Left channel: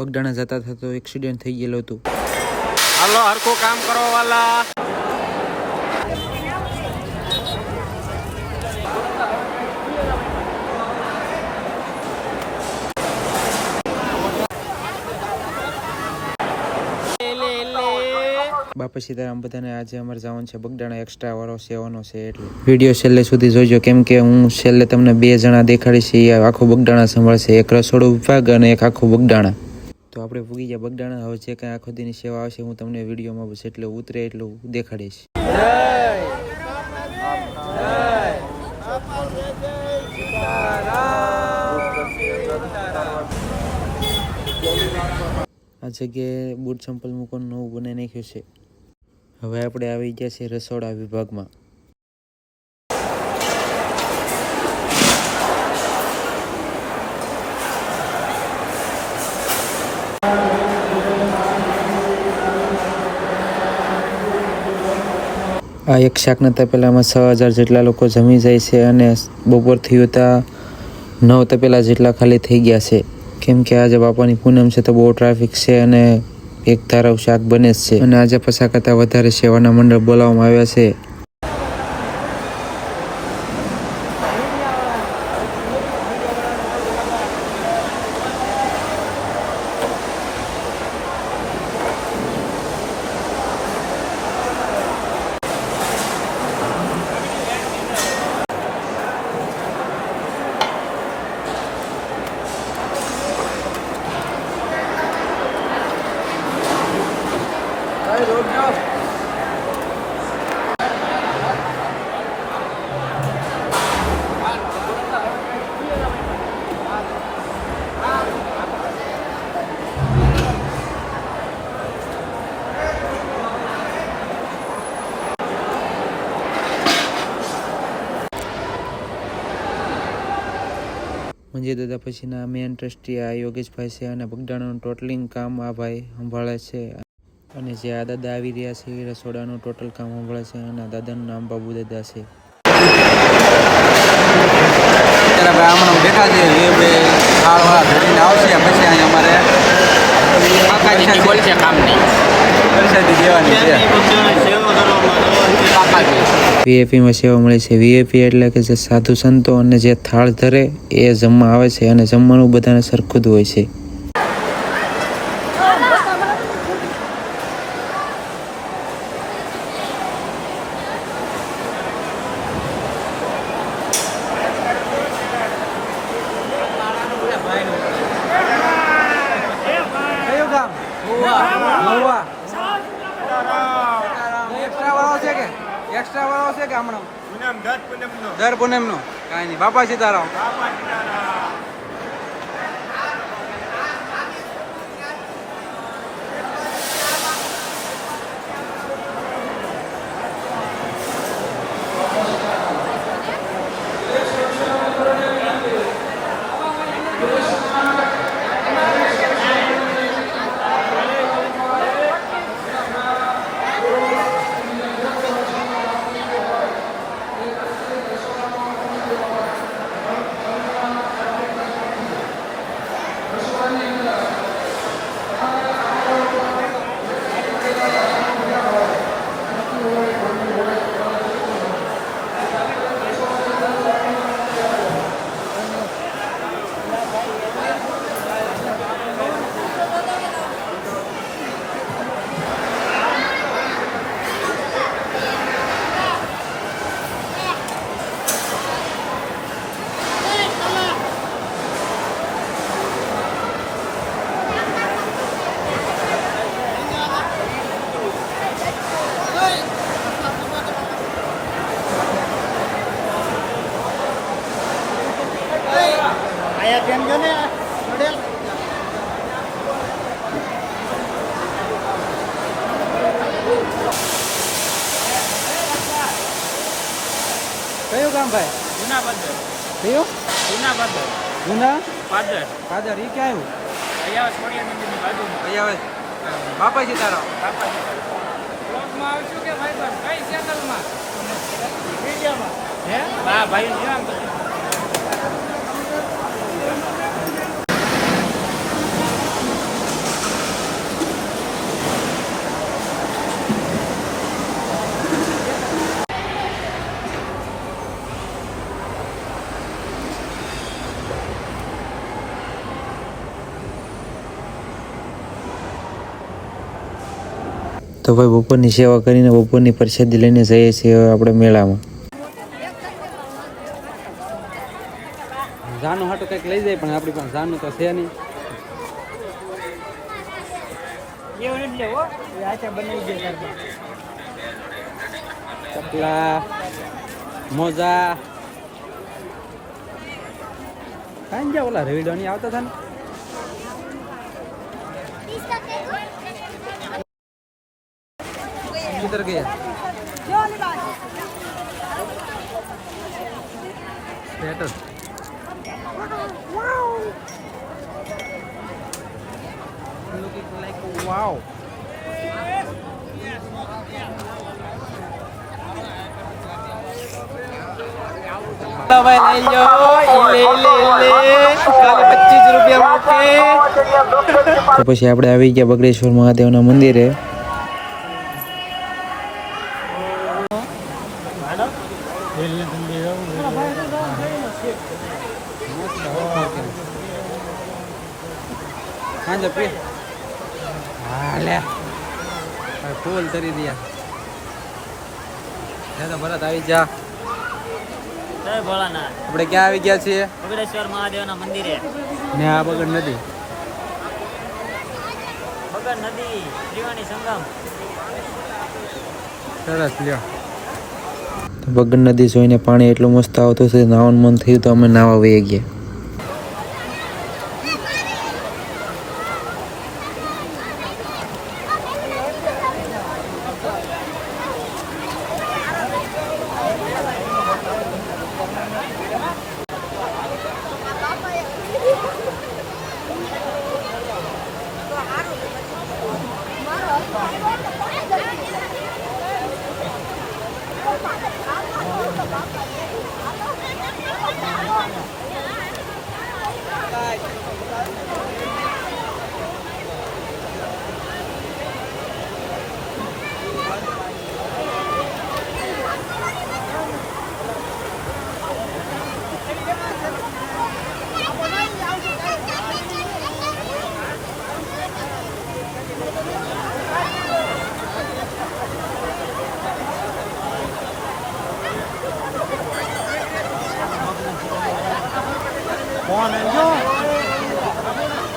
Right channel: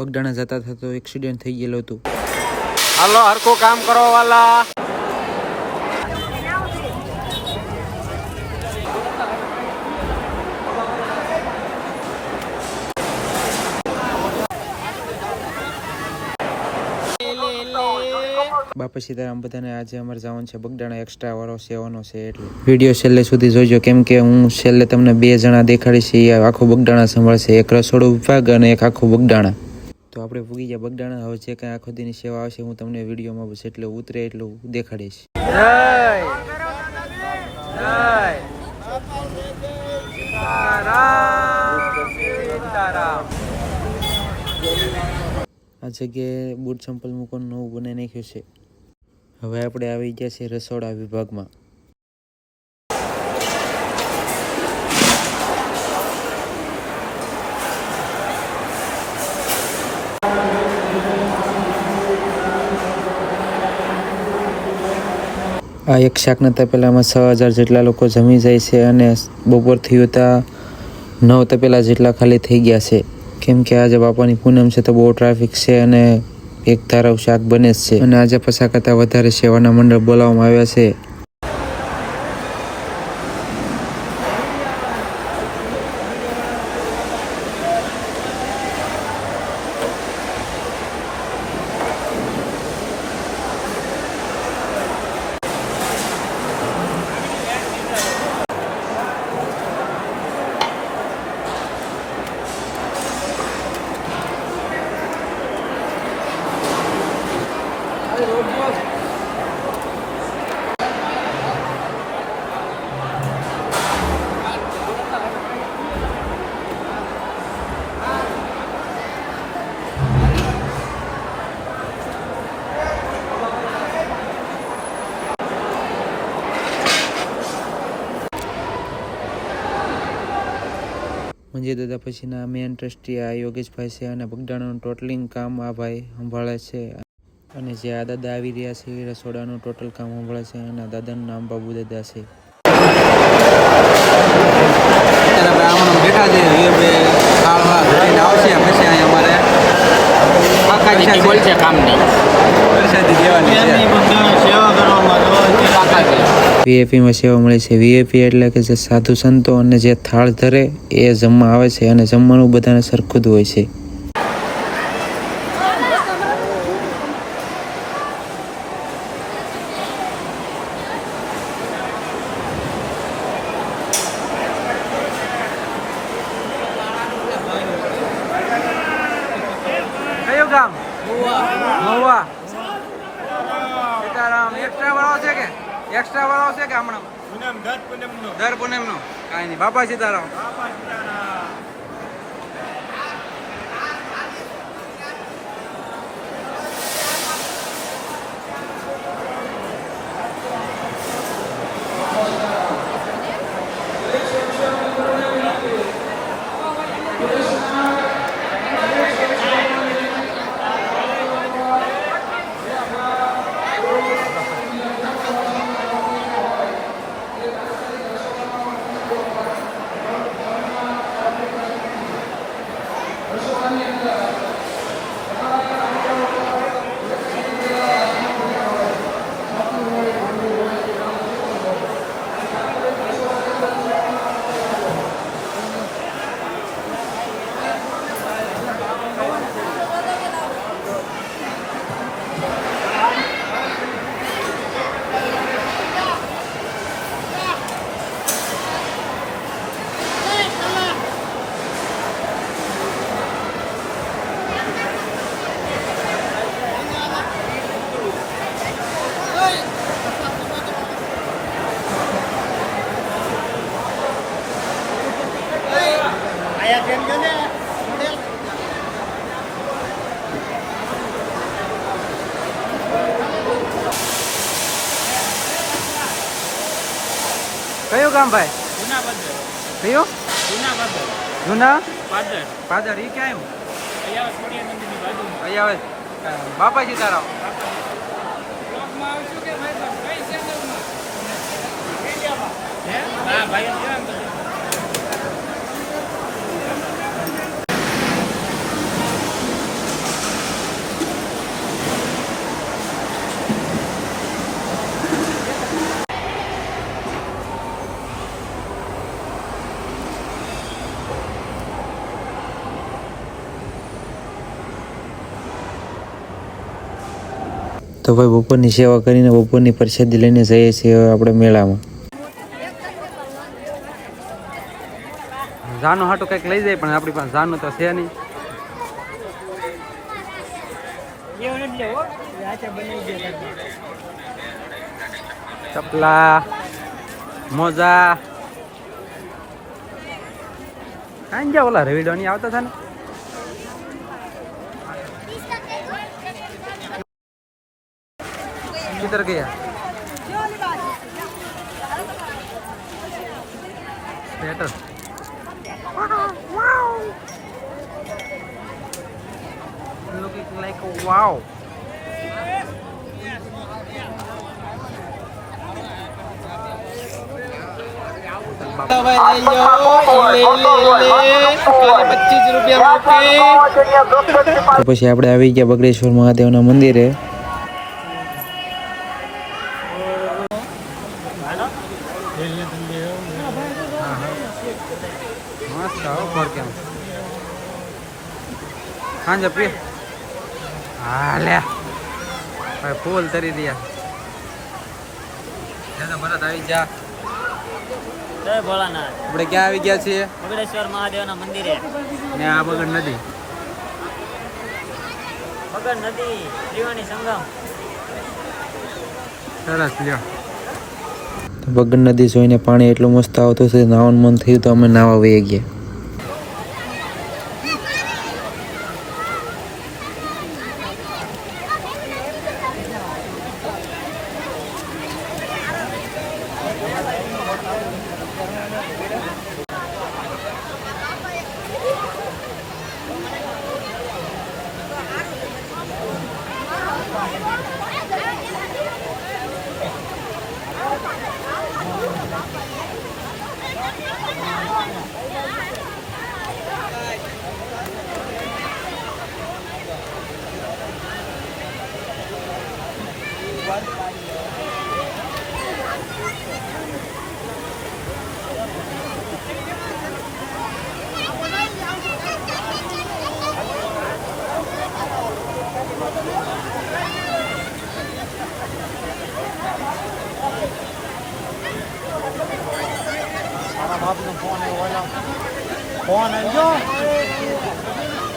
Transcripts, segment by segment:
બગડાણા જતા હતા તો એક્સિડન્ટ થઈ ગયેલું હતું. હાલો હરખું કામ કરો વાલા. બાપા સીતારામ બધાને. આજે અમારે જવાનું છે બગડાણા, એક્સ્ટ્રા વાળો સેવાનો છે એટલે વિડીયો છેલ્લે સુધી જોજો, કેમ કે હું છેલ્લે તમને 2 જણા દેખાડીશ. એ આખું બગડાણા સંભાળશે, એક રસોડું વિભાગ અને એક આખું બગડાણા. તો આપણે પૂગી ગયા બગડાણા. હવે જે કાંઈ આખો દીની સેવા આવશે હું તમને વિડીયોમાં બસ એટલું ઉતરે એટલું દેખાડીશ. આ જગ્યાએ બૂટ ચંપલ મૂકવાનું નવું બનાવી નાખ્યું છે. હવે આપણે આવી ગયા છીએ રસોડા વિભાગમાં. આ એક શાકના તપેલામાં 6000 જેટલા લોકો જમી જાય છે અને બપોર થયું ત્યાં 9 તપેલા જેટલા ખાલી થઈ ગયા છે, કેમ કે આજે બાપાની પૂનમ છે તો બહુ ટ્રાફિક છે અને એક ધારાવ શાક બને જ છે. અને આજે 50 કરતાં વધારે સેવાના મંડળ બોલાવવામાં આવ્યા છે. મંજી દાદા પછીના મેન ટ્રસ્ટી આ યોગેશભાઈ છે અને બગડાણાનું ટોટલિંગ કામ આ ભાઈ સંભાળે છે. અને જે આ દાદા આવી રહ્યા છે એ રસોડાનું ટોટલ કામ સંભાળે છે અને દાદાનું નામ બાબુ દાદા છે. અત્યારે ભાઈ હમણાં બેઠા છે એ ખાવા ધરીને આવશે પછી અહીંયા અમારે કાકાજી બોલ છે કામ નહીં પરસાદી દેવાની છે. વીઆઈપીમાં સેવા મળે છે. વીઆઈપી એટલે કે જે સાધુ સંતો અને જે થાળ ધરે એ જમવા આવે છે અને જમવાનું બધાને સરખું જ હોય છે. કયું ગામ? મહુવા. એક્સ્ટ્રા વાળો છે કે એક્સ્ટ્રા વાળો છે કે હમણાં દર પૂનમનો કાંઈ નહીં. બાપા સીતારામ. કયું ગામ ભાઈ? જૂના પાદર. કયું? જૂના પાદર. જૂના પાદર. પાદર. એ ક્યાં આવ્યું? અહીંયા સ્મરણીય મંદિરની બાજુમાં. અહીંયા આવે. બાપા સીતારામ. બ્લોગમાં આવશું કે ભાઈ બસ કઈ ચેનલમાં? હે? હા ભાઈ ધ્યાન દો. તો ભાઈ બપોરની સેવા કરીને બપોરની પ્રસાદી લઈને જઈએ છીએ હવે આપણે મેળામાં. જાનું હાટું કંઈક લઈ જાય પણ આપણી પાસે જાનું તો છે નહીં. ચપલા મોજા કાંઈ ગયા ઓલા રેવિડો નહીં આવતા હતા ને. किधर गया status looking like a wow. ભાઈ લઈ લો કાલે 25 રૂપિયા તો પછી આપણે આવી ગયા બગડેશ્વર મહાદેવના મંદિરે. हाँ जब पे हाँ ले भाई फूल तरी दिया तो भरत આવી જા. જય ભોળાનાથ. આપણે ક્યાં આવી ગયા છીએ? બગડેશ્વર મહાદેવના મંદિરે. ને આ બગડ નદી. બગડ નદી ત્રિવેણી સંગમ. સરસ લ્યો. તો બગડ નદી જોઈને પાણી એટલું મસ્ત આવતું છે, નાવાનું મન થયું તો અમે નાવા વહી ગયા. ફોન આવી ગયો.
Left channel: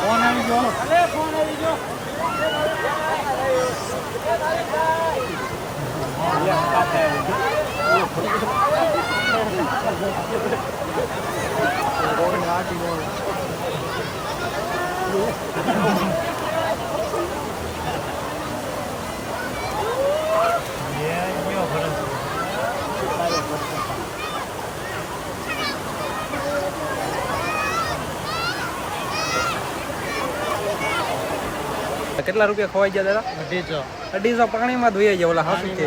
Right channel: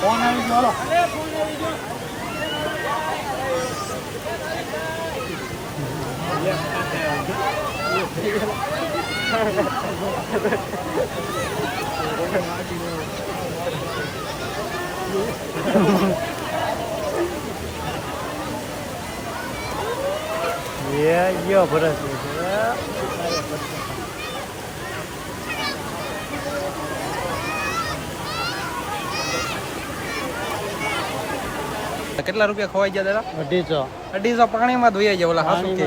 ફોન આવી ગયો. કેટલા રૂપિયા ખવાઈ ગયા દાદા? 250 પાણીમાં ધોઈ ગયા. ઓલા હાસુ કે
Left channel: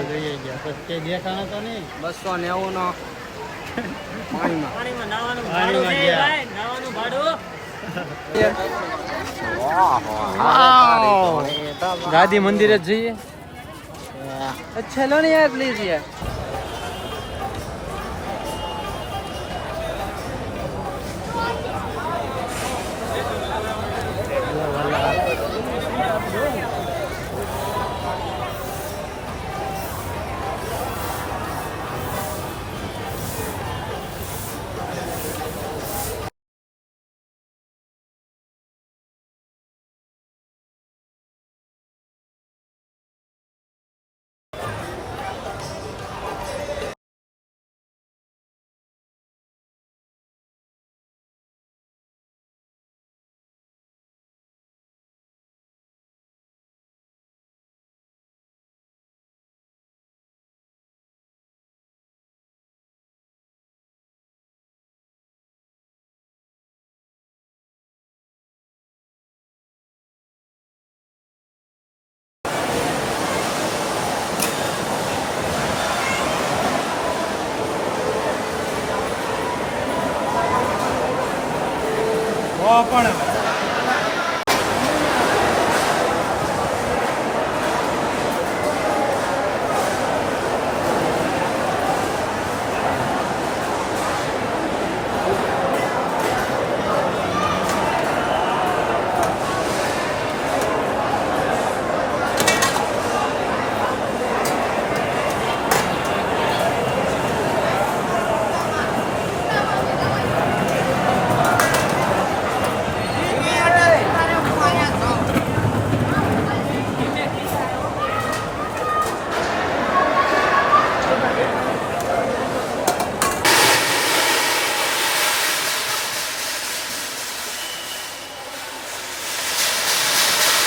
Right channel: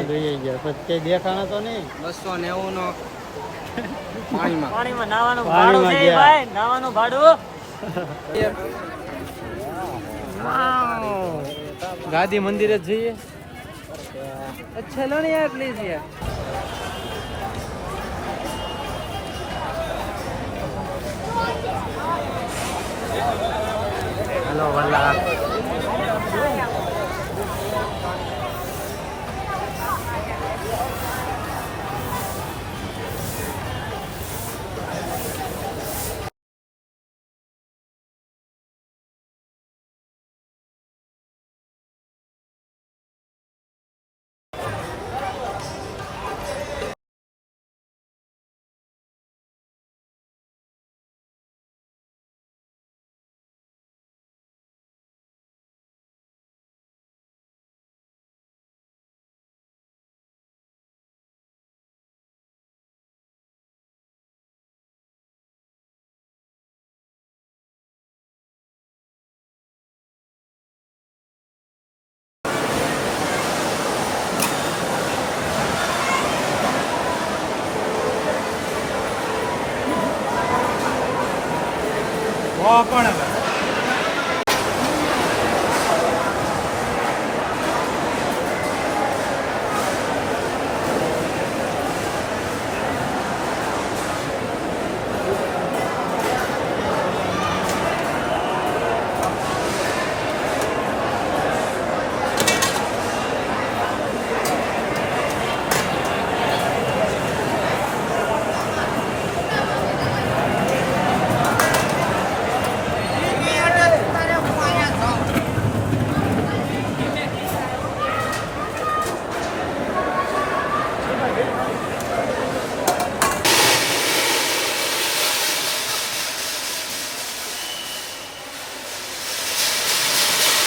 દેખાણા તો નહીં. 290 નો પાણીમાં. પાણીમાં નાવાનું ભાડું છે ભાઈ. નાવાનું ભાડું. ગાદી મંદિરે જ જઈએ. ચલો ને યાર પ્લીઝ યાર. હેલો વાલા. પણ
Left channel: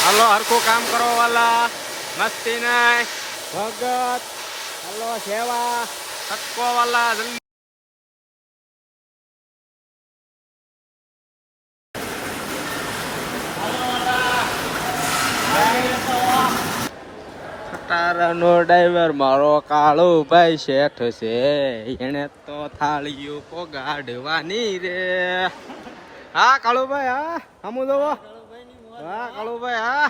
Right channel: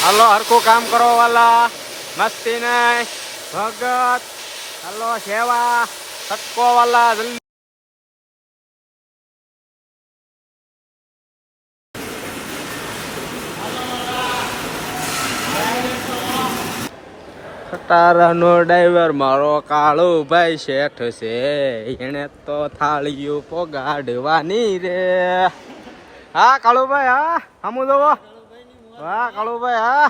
હાલો હરખું કામ કરો વાલા, મસ્તી નહીં, ભગત, હાલો સેવા, સટકો વાલા જલ્દી. ખટારાનો ડ્રાઈવર મારો કાળો ભાઈ શેઠ છે, એને તો થાળીઓ પોગાડવાની રે. હા કાળુભાઈ, હા હમુ દો. હા કાળુભાઈ, હા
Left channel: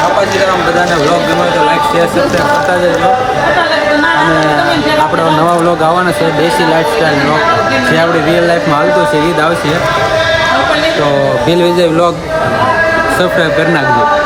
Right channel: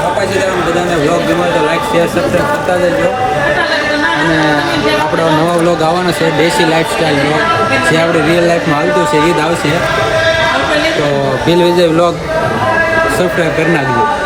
બાપાજીરામ બધાને વ્લોગ ગમે તો લાઈક શેર સબસ્ક્રાઈબ કરતા જજો. અને આપણો નવા વ્લોગ આવવાનો છે, દેશી લાઈફસ્ટાઈલ વ્લોગ, જે આપણી રિયલ લાઈફમાં હાલતું છે એ જ આવશે. તો ભીલ વિજય વ્લોગ સબસ્ક્રાઈબ કરી નાખજો.